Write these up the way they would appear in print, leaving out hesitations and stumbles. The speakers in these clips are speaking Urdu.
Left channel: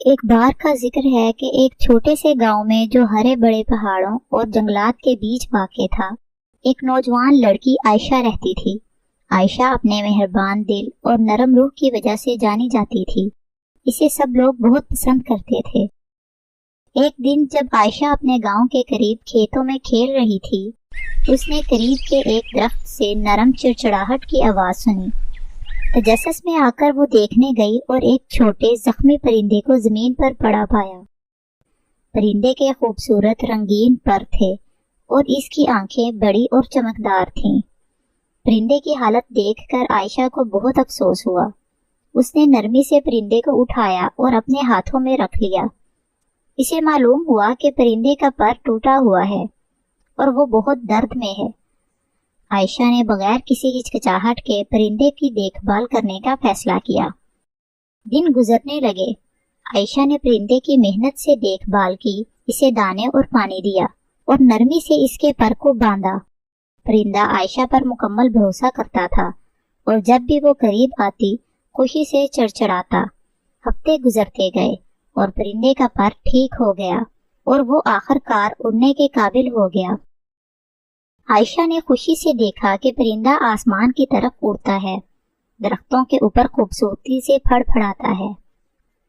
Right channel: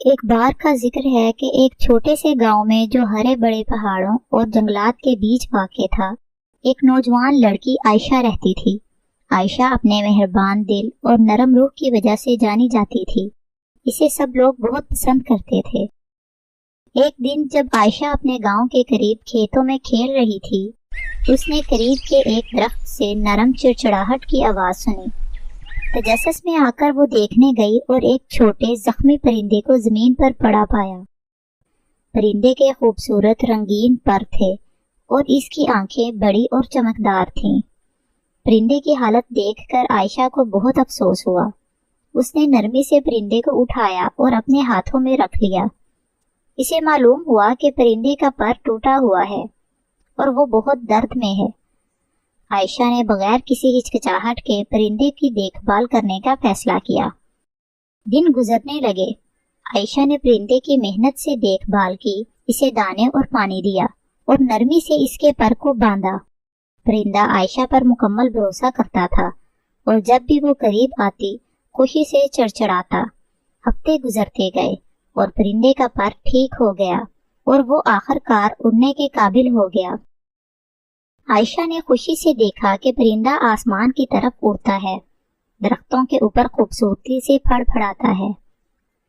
ایک بار کا ذکر ہے کہ ایک چھوٹے سے گاؤں میں جو ہرے بڑے پہاڑوں اور جنگلات کے بیچ واقع تھا، ایک نوجوان لڑکی عائشہ رہتی تھی۔ عائشہ اپنے مہربان دل اور نرم روح کی وجہ سے جانی جاتی تھی۔ اسے سب لوگ بہت پسند کرتے تھے۔ ایک دن جب عائشہ اپنے گاؤں کے قریب کھیتوں میں کھیل رہی تھی، اس نے قریب کے ایک درخت سے نرم چڑچڑاہٹ کی آواز سنی۔ تجسس میں آ کر وہ دیکھنے گئی اور ایک چھوٹے زخمی پرندے کو زمین پر پڑا پایا۔ پرندے کے خوبصورت رنگین پر تھے اور اس کی آنکھیں بڑی اور چمکدار تھیں۔ پرندے کی حالت دیکھ کر عائشہ کو بہت افسوس ہوا۔ اس نے نرمی سے پرندے کو اٹھایا اور اپنے ہاتھوں میں رکھ لیا۔ اسے معلوم ہوا کہ پرندے کا پر ٹوٹا ہوا ہے اور وہ بہت درد میں ہے۔ عائشہ نے بغیر کسی ہچکچاہٹ کے پرندے کی دیکھ بھال کرنے کا فیصلہ کیا۔ دن گزرنے لگے۔ عائشہ نے پرندے کی محنت سے دیکھ بھال کی، اسے دانے اور پانی دیا اور نرمی سے اس کے پر کو باندھا۔ پرندہ عائشہ پر مکمل بھروسہ کرتا تھا اور جب بھی وہ قریب آتی خوشی سے چڑچڑاتا۔ ہفتے گزرتے گئے اور پرندے کا پر ٹھیک ہو گیا اور وہ آخر کار اڑنے کے قابل ہو گیا۔ عائشہ نے خوشی سے دیکھا کہ پرندہ آسمان کی طرف اڑتا ہے، درختوں کے اوپر خوبصورتی سے پھڑ پھڑاتا ہے۔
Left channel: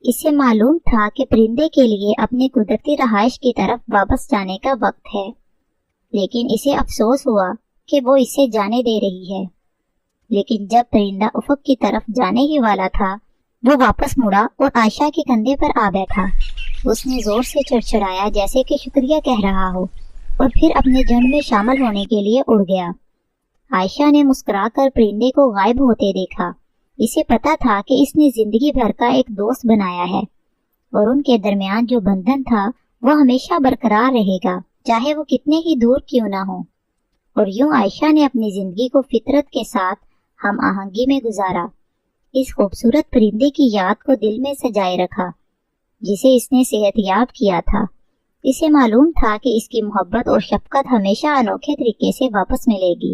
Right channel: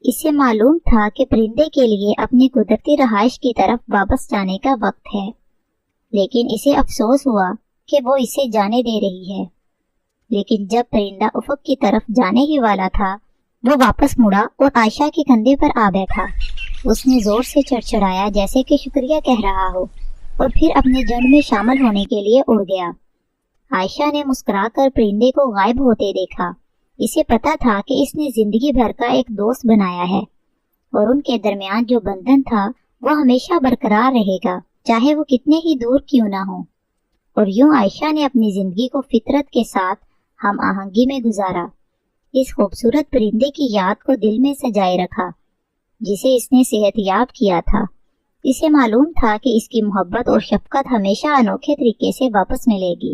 اسے معلوم تھا کہ پرندے کے لیے اپنی قدرتی رہائش کی طرف واپس جانے کا وقت ہے، لیکن اسے افسوس ہوا کہ وہ اسے جانے دے رہی ہے۔ لیکن جب پرندہ افق کی طرف جانے ہی والا تھا، وہ واپس مڑا اور عائشہ کے کندھے پر آ بیٹھا۔ اس نے زور سے چڑچڑایا جیسے کہ شکریہ کہہ رہا ہو، اور پھر اپنے جھنڈ میں شامل ہونے کے لیے اڑ گیا۔ عائشہ نے مسکرا کر پرندے کو غائب ہوتے دیکھا۔ اسے پتا تھا کہ اس نے زندگی بھر کا ایک دوست بنایا ہے اور ان کے درمیان جو بندھن تھا وہ ہمیشہ برقرار رہے گا، چاہے وہ کتنے ہی دور کیوں نہ ہو۔ اور یوں عائشہ نے اپنی زندگی کو فطرت کے ساتھ ہم آہنگی میں گزارا، اس خوبصورت پرندے کی یاد کو دل میں سجائے رکھا جسے اس نے صحت یاب کیا تھا۔ اسے معلوم تھا کہ اس کی محبت اور شفقت ہمیشہ انوکھے طریقے سے واپس ملے گی۔